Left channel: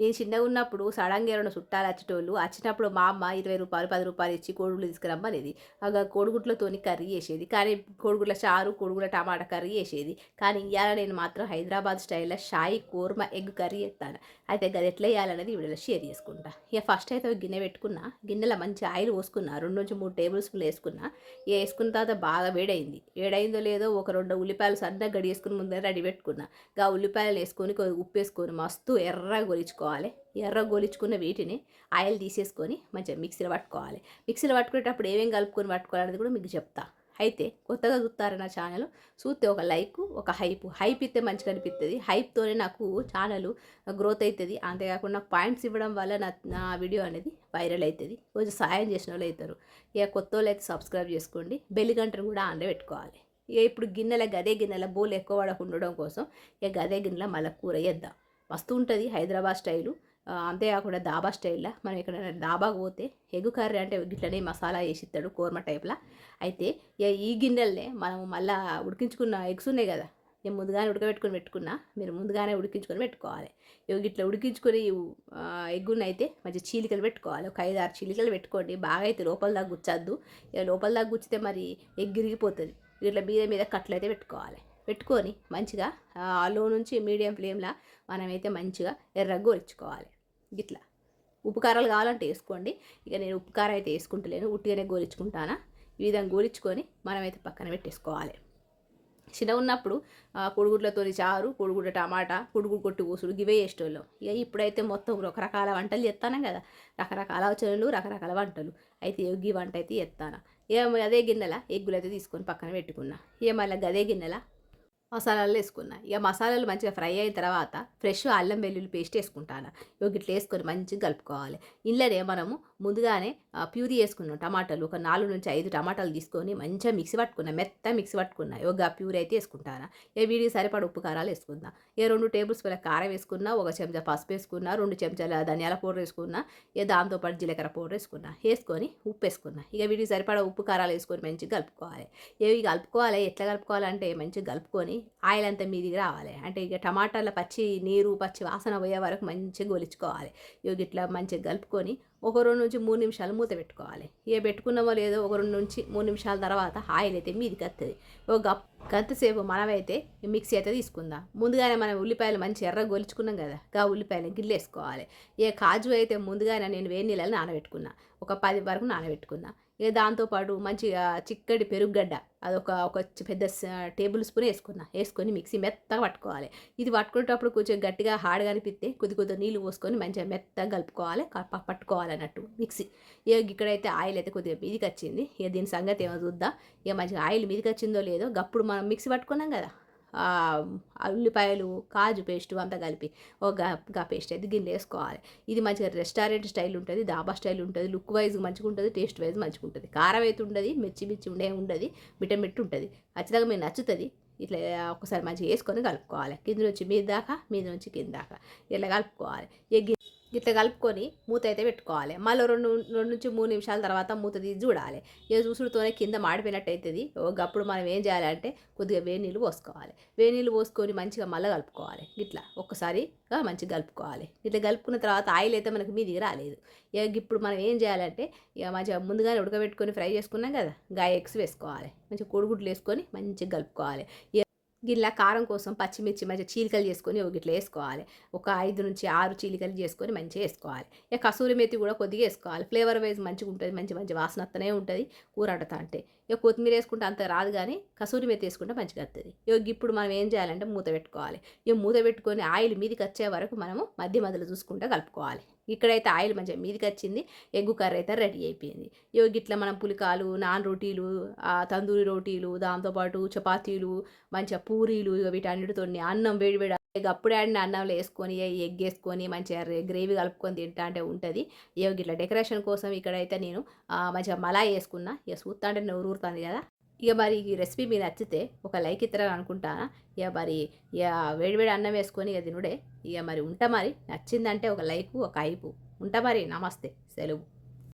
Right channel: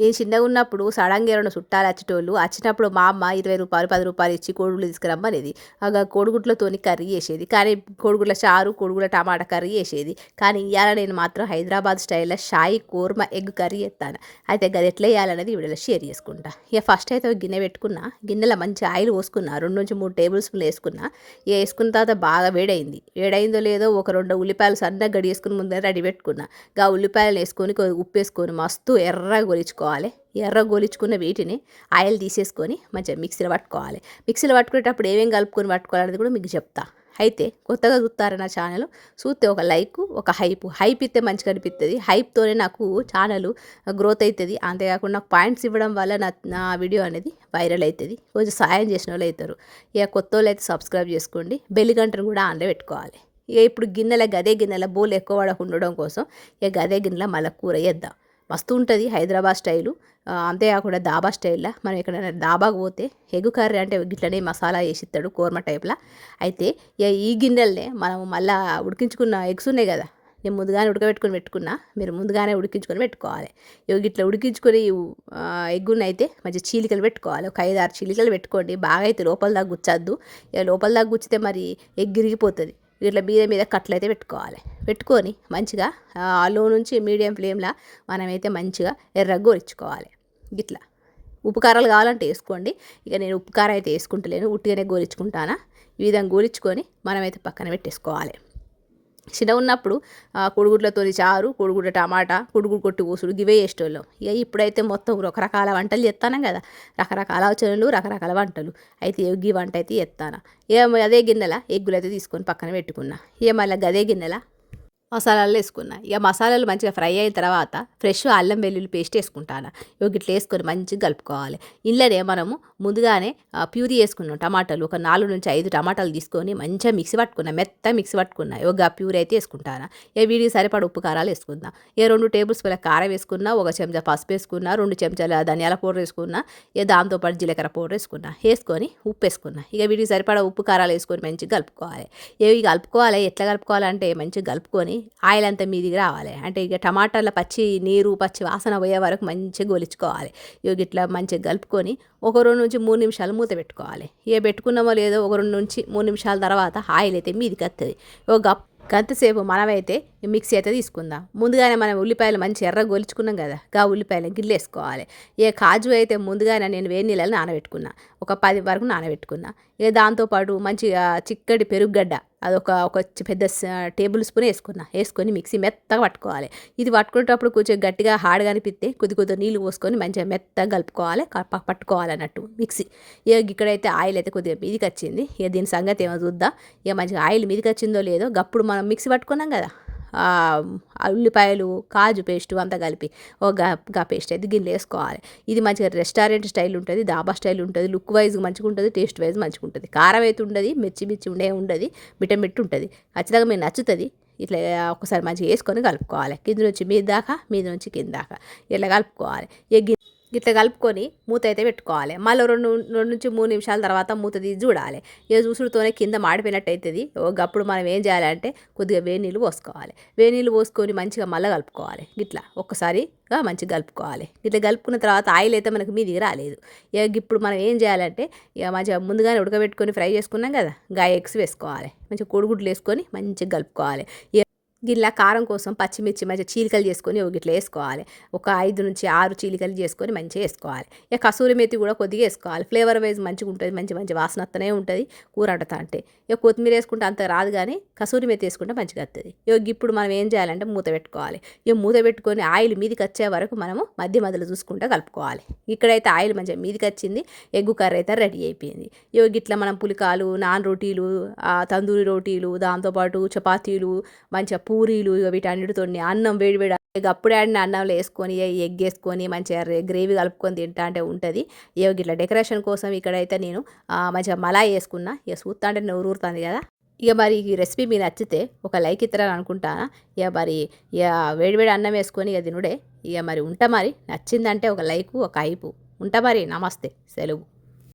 నేను చిన్నగున్నప్పుడు సడన్‌గా ఎవరైనా చుట్టాలు వచ్చేటోళ్ళు. వచ్చినప్పుడు మా అమ్మ రూ. 20, రూ. 10 ఇచ్చి కోడిగుడ్లు తీసుకురమ్మనేది. కోడిగుడ్లతోని కర్రీ చేసేది. కానీ కోడిగుడ్ల చారు, కోడిగుడ్ల టమాటా కర్రీ చేసేది. కానీ ఇయాల నేను మాత్రం హైదరాబాద్ స్టైల్‌లో షాయి కోర్మా ఎగ్ కర్రీ చేత్తాను. అయితే గది ఎట్లా చేయాలనేది ఈ వీడియోలో షేర్ చేసుకుంటా. ఇక ఫస్ట్ అయితే ఒక గిన్నె పెట్టుకున్నా. గిన్నెలో మంచి ఆయిల్ పోసుకున్నా. 2-3 టేబుల్ స్పూన్లు వేసుకున్నా. వేసుకున్న తర్వాత బాగా వేడైంది. వేడైందో లేదో ఒక 2 ఉల్లిపాయలు సన్నగా గడిగేసుకుని ముందే రెడీ పెట్టుకున్నా. ఉల్లిపాయలు వేసుకొని ఉప్పు వేసుకొని మస్తు ఎర్రగా గొలిచుకోవాలి. ఎర్రగా గొలిచుకున్న వీటిని ఆయిల్ తీసేసుకొని మంచిగా మిక్సీలో పట్టుకోవాలి. మిక్సీలో పట్టుకునేటప్పుడు ఏమేమి కలుపుకొని పట్టుకోవాలనేది కూడా మీకు చెప్తా. అయితే కొత్తగా చూస్తారా నా ఛానల్ చూస్తే ఒక లైక్, ఒక హైప్ ఇస్తే మంచిగా అనిపిస్తుంది. హైప్తోనే నాకు ఛానల్ గ్రోత్ అవుతుంది. అంతేకాకుండా నాకు పాయింట్స్ ఇవ్వడం వల్ల నా వీడియో అనేది వైరల్ అవుతుంది. కొంచెం సాయం చేసిన వాళ్ళు అవుతారు. ఇక కొత్త వాళ్ళు అయితే సబ్స్క్రైబ్ చేసుకోండి. బెల్ గంటను కూడా ఆన్లో పెట్టుకోవాలి. ఇక ఇప్పుడు గదే గిన్నెల బోల్ ఎక్కువ పడకుండా ఉండడం కోసం ఇక గదే గిన్నెల మళ్ళీ కూర వేద్దాం. మస్తు ఉంటుంది హైదరాబాద్ స్టైలు. అంతేకాకుండా దాబా స్టైల్లా మనం ఎక్కడైనా దాబాకు పోతే ఎగ్ కర్రీ అంటే గిట్లనే మసాలా వేసి ఇస్తాడు కోర్మా టైప్లా. అయితే ఇక ఈ గిన్నెలనే మనం మళ్ళీ ఉడికించుకున్న ఎగ్స్ ఉన్నాయి కదా, నేను ముందుగానే పెట్టుకున్నా. మీరు ముందుగానే ఉడికించుకొని పెట్టుకోవాలి. ఇట్లా ఉడికించుకొని ఎగ్గుని అయితే మంచి చీలికలు పెట్టుకోవాలి. ఒక 5-6 చీలికలు పెట్టుకోండి. బాగా అయితే లోపల దాకా గుచ్చద్దు. ఇక లోపల దాకా గుచ్చితే మరి ఎగ్ ఇరిగిపోతుంది. ఇట్లా మీద కట్లు అయితే పెట్టుకోవాలి. పెట్టుకొని మంచిగా లో నుంచి మీడియం ఫ్లేమ్లో మనమైతే మంచిగా ఎర్రగా గోరించుకోవాలి. ఇట్లా ఉప్పు కారాలు కావాలంటే వేసుకోండి. ఇక నేను ఉప్పు కారం అయితే వేసుకుంటలేను, ఉట్టిగానే గోరించుకుంటానా. ఈ విధంగా గోరించుకొని మనమైతే పక్కన పెట్టేసుకోవాలి. చిన్నగున్నప్పుడు కోడిగుడ్లతోని చారు, కోడిగుడ్ల టమాటా, కోడిగుడ్డు కొట్టి కోసుడు గివే చేసేటోళ్ళం. ఇక ఇప్పుడైతే మొత్తం రకరకాల వంటలు చేస్తాను కదా, రకరకాల ఆలోచనలు, రకరకాల వంటలు. అయితే ఈ వంట అయితే చేస్తాను. ఇక అదే గిన్నెల ఎగ్గులు అయితే తీసుకొని పక్కన పెట్టుకున్నా. ఇక మళ్ళీ అదే గిన్నెల మసాలాలు వేసుకున్నా. ఇక మసాలాలు మంచిగా ఫ్రై అయిన తర్వాత ఫ్రెష్ అల్లం వెల్లుల్లి పేస్ట్ వేసుకుంటాను. ఇట్లా వేసుకొని మంచిగా కలుపుకోవాలి. ఇంట్లోనే మనము ముందుగానే ప్యూరీ వేసుకున్నాం. టమాటాలు ఒక 4-5 టమాటాలు తీసుకొని మంచిగా మిక్సీ పట్టుకున్నా, మెత్త మిక్సీ పట్టుకున్నా. ప్యూరీ అయితే వేసుకుంటాను. వీడికి సరిపడ ఉప్పు కారాలు వేసుకుందాం. 2 టేబుల్ స్పూన్ల కారం వేసుకున్నా, 1 చెంచా పసుపు వేసుకున్నా, 2 చెంచాల ధనియాల పౌడర్ వేసుకున్నా, దాంతోపాటు జీలకర్ర పౌడర్ వేసుకున్నా. వేసుకొని ఉప్పు వేసుకున్నా. వీడికి సరిపడ ఉప్పు కారాలు వేసుకొని మంచిగా కలుపుకోవాలి. ఇవి కలుపుకోవాలి. ఎట్లా కలుపుకోవాలంటే మంచిగా కలుపుకొని ఆయిల్ అంతా మీదికి రావాలి. అంటే ఇక టమాటాల పచ్చి పచ్చి వాసన పోయే వరకు మంచిగా గొలుచుకోవాలి. ఇట్లా మంచిగా కలుపుకొని ఒక 2-3 నిమిషాలు మూత పెట్టుకోవాలి. పెట్టుకున్నామో లేదో ఒక 2-3 నిమిషాల తర్వాత ఆయిల్ అయితే మీదికి వస్తుంది. గంతసేపు మనమైతే మిక్సీ అయితే తీసుకుందాం. ముందుగానే మనం ఉల్లిపాయలు మంచి ఎర్రగా గొలుచుకున్నాం కదా, ఉల్లిపాయలు గిల్లేసుకోవాలి. కాజు అయితే ముందుగానే నేను వేడి నీళ్ళని నానబెట్టుకున్నా. ఒక 10 వరకు నానబెట్టుకున్నా. దాంతోపాటు మంచిగా చిక్కటి పెరుగుగడ్డ ఒక పెద్ద టేబుల్ స్పూన్ వేసుకొని మిక్సీ మెత్తగా పట్టుకోవాలి. ఇది పట్టుకునేటప్పుడు కొంచెం గట్టిగా హార్డ్గా అనిపిస్తే కొద్ది నీళ్ళు పోసుకొని మంచిగా మెత్తగా కలుపుకోవాలి, పట్టుకోవాలన్నట్టు మిక్సీ. ఇక్కడైతే ఆయిల్ అయితే కొద్దిగా మీదికి వచ్చింది. దీని సంగతి ఏమో చూద్దాం. మంచిగా ఆయిల్ మీదికి వచ్చిందో లేదో గప్పుడు మనం మిక్సీ పట్టుకున్నాం కదా, ఉల్లిపాయలు కాజు పేస్టు అంతా కలిపి పేస్ట్ అయితే గిన్నెలో వేసుకోవాలి. ఇది మంచిగా రెస్టారెంట్ స్టైల్ ఉంటుంది, దాబా స్టైల్ ఉంటుంది. లుక్ వైజ్ మంచిగా ఉంటుంది, టేస్ట్ వైజ్ మంచిగా ఉంటుంది. కారం అయితే ఉండదు, మిర్చి ఉండదు, మిట్ట ఉంటుంది. ఖచ్చితంగా మీకు నచ్చుతుంది. ఇట్లా ఒకసారి మంచిగా వేసుకొని కలుపుకోవాలి. కింద నుంచి మీద దాకా, మీద నుంచి కింద దాకా ఇట్లా కలుపుకోవాలి. ఇట్లా కలుపుకొని మూత అయితే పెట్టుకోవాలి. మళ్ళీ 2-3 నిమిషాల తర్వాత మూత తీసి చూడాలి. చూసుడుతోనే కింద మాడిపోయినట్టు అవుతుంది. అప్పుడు మనం ఏం చేయాలంటే కొద్దిగా వేడి నీళ్ళు పోసుకోవాలి. వేడి నీళ్ళు పోసుకొని మంచిగా మళ్ళీ కలుపుకోవాలి. ఇట్లా ఒక్కసారిగా మంచిగా కలుపుకోవాలి. ఇట్లా కలుపుకున్న తర్వాత ఆయిల్ అయితే మనకు మీదికి రాలేదు. ఇప్పుడు మనం ఏం చేయాలంటే మంచిగా ముందుగానే ఉడకబెట్టుకొని ఫ్రై చేసుకున్నాం కదా, ఎగ్స్ వేసుకోవాలి. మంచిగా కోడిగుడ్లు వేసుకొని మంచిగా కలుపుకోవాలి. గిట్లా కారం కోసం పచ్చిమిర్చి మంచిగా చీలికలు చేసుకొని ఇట్లా వేసుకోవాలి. ఒక 5-6 చీలికలు చేసుకొని మంచిగా వేసుకోవాలి. కసూరి మెతి కూడా కొద్దిగా వేసుకోవాలి. ఫ్లేవర్ వైజ్ మంచిగా ఉంటుంది, మంచి వాసన వస్తూనే ఉంటుంది కూర వండుతా అంటే. కొత్తిమీర వేసుకుంటే అంత రాదు, కానీ కసూరి మెతి వేసుకుంటే మంచిగా వస్తుంది. ఇప్పుడు మనం ఏం చేయాలంటే మూత పెట్టుకోవాలి. మూత పెట్టుకొని ఆయిల్ మీదికి వచ్చే వరకు మనము మధ్య మధ్యలో చూసుకుంటూ కలుపుకోవాలి. ఇక్కడైతే ఆయిల్ మంచిగా మీదికి వచ్చింది. ఎగ్గు కర్రీ అయితే రెడీ అయిపోయింది. గిట్లా మనం పులికాలు, నాన్ రోటీలు, తందూరి రోటీలు, దాంతోపాటు చపాతీలు, మంచిగా పూరీలు, వీటన్నిటితో అన్నం వేడివేడి అప్పుడే ఆడిన అన్నంలో వేసుకొని ఎగ్ వేసుకొని మంచిగా గ్రేవీ కలుపుకొని తింటా అంటే ఉంటుంది. ఇట్లా డెకరేషన్ కోసం ఇక్కడైతే నేను మంచిగా మలాయి వేసుకున్నా. చూస్తా అంటే నోరు ఊరుతుంది కదా. మరి ఈ రెసిపీ మీకు నచ్చితే ఒక లైక్ ఇస్తారని అనుకుంటాను. మరి వేడివేడి అన్నం వేసుకొని తినుడే. మరి ఉంటా, మరి నచ్చిందంటే ఒక లైకు, ఒక హైపు ఉంటా. మరి నమస్తే, సెలవు.